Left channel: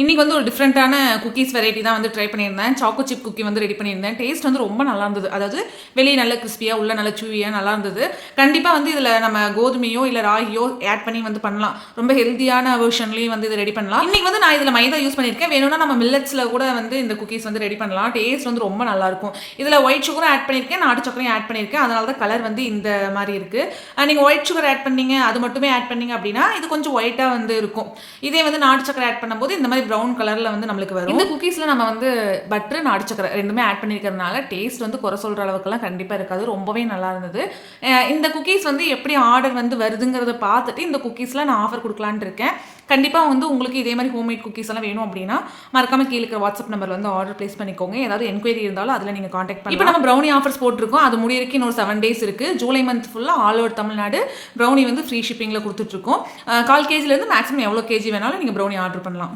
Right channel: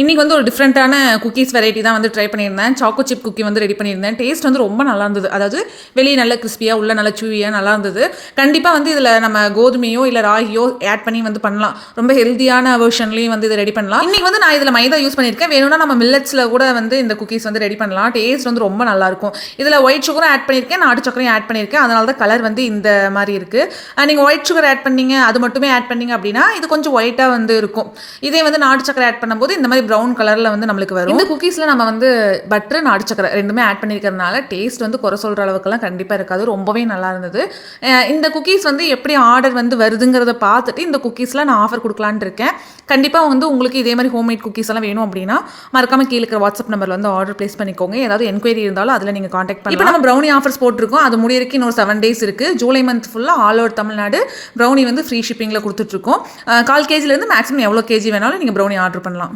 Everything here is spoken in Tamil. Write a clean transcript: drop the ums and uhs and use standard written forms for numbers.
இன்றைக்கி வந்து ஒரு டிஃப்ரெண்ட்டான குக்கீஸ் வெரைட்டி தான் வந்து ட்ரை பண்ணியிருந்தேன். சாக்கோ சிப் குக்கி வந்து ரெடி பண்ணியிருந்தேன். டேஸ்ட் வந்து ரொம்ப நல்லா இருந்தது. அதாவது வெளியே நல்ல கிறிஸ்பியாக உள்ள நல்ல சூவியாக நல்லா இருந்தது. கண்டிப்பாக வந்து இதில் நம்ம கோதுமையோ இல்லை ராகியோ ஆட் பண்ணி வந்து பண்ணலாம். ரொம்ப ஹெல்த்தியான வெர்ஷன்லேயும் வந்து இதை ரெடி பண்ணலாம். இன்றைக்கி வந்து நான் இதில் மைதா யூஸ் பண்ணியிருக்கேன். வேணும்னா நம்ம மில்லட்ஸில் கூட வந்து இந்த குக்கீஸ் வந்து ரெடி பண்ணலாம். டேஸ்ட் வந்து ரொம்ப நல்லாயிருக்கும். இதில் ஒயிட் சுகரும் ஆட் பண்ணியிருக்கேன், நாட்டு சக்கரையும் ஆட் பண்ணியிருக்கேன். அதனால தான் கலர் வந்து இந்த மாதிரி இருக்குது. நீங்கள் ஒயிட் சுகர் ஆட் பண்ணீங்க, அது மட்டுமே ஆட் பண்ணீங்க அப்படின்னா இது கொஞ்சம் ஒயிட்டாக வந்து இருக்கும். இதே வந்து நாட்டு சக்கரை ஆட் பண்ணும்போது இந்த மாதிரி ப்ரௌன் கலரில் வந்து நம்மளுக்கு வரும். இந்த குக்கீஸில் நம்ம வந்து பட்டர் நாட்டு சக்கரை ரெண்டுமே ஆட் பண்ணியிருக்கிறதுனால டேஸ்ட் வந்து குறை சொல்கிற அளவுக்குலாம் கண்டிப்பாக இருக்காது. ரொம்பவே நல்லா இருந்தது. இந்த குக்கீஸ் வந்து எப்படி ஆர்டர் வந்து வருதுங்கிறத பார்த்துட்டு இந்த குக்கீஸில் நான் ஆஃபர் கொடுக்கலான்னு இருக்கேன். கண்டிப்பாக வந்து உங்களுக்கு இதே மாதிரி ஹோம்மேட் குக்கீஸ் எல்லாம் வேணும் அப்படின்னா மறக்காமல் கீழே இருக்கிற வாட்ஸ்அப் நம்பரில் வந்து ஆர்டர் ப்ளேஸ் பண்ணிக்கோங்க. ஏதாவது என்கொயரி இருந்தாலும் அதில் நீங்கள் காண்டாக்ட் பண்ணி. இப்போ நம்ம ப்ரௌனி ஆஃபர்ஸ் போட்டிருக்கோம். அது முடியிருக்கு இன்னொரு 7 days இருக்குது. ஜூலை மந்த் ஃபுல்லாக ஆல் ஓவர் தமிழ்நாடு ப்ரௌனி வந்து ஃப்ரீ ஷிப்பிங்கில் கொடுத்துட்ருக்கோம். 1/4 kg மேக்ஸிமம் எவ்வளோ கேஜி வேணாலும் நீங்கள் ப்ரௌனி ஆர்டர் பண்ணலாம்.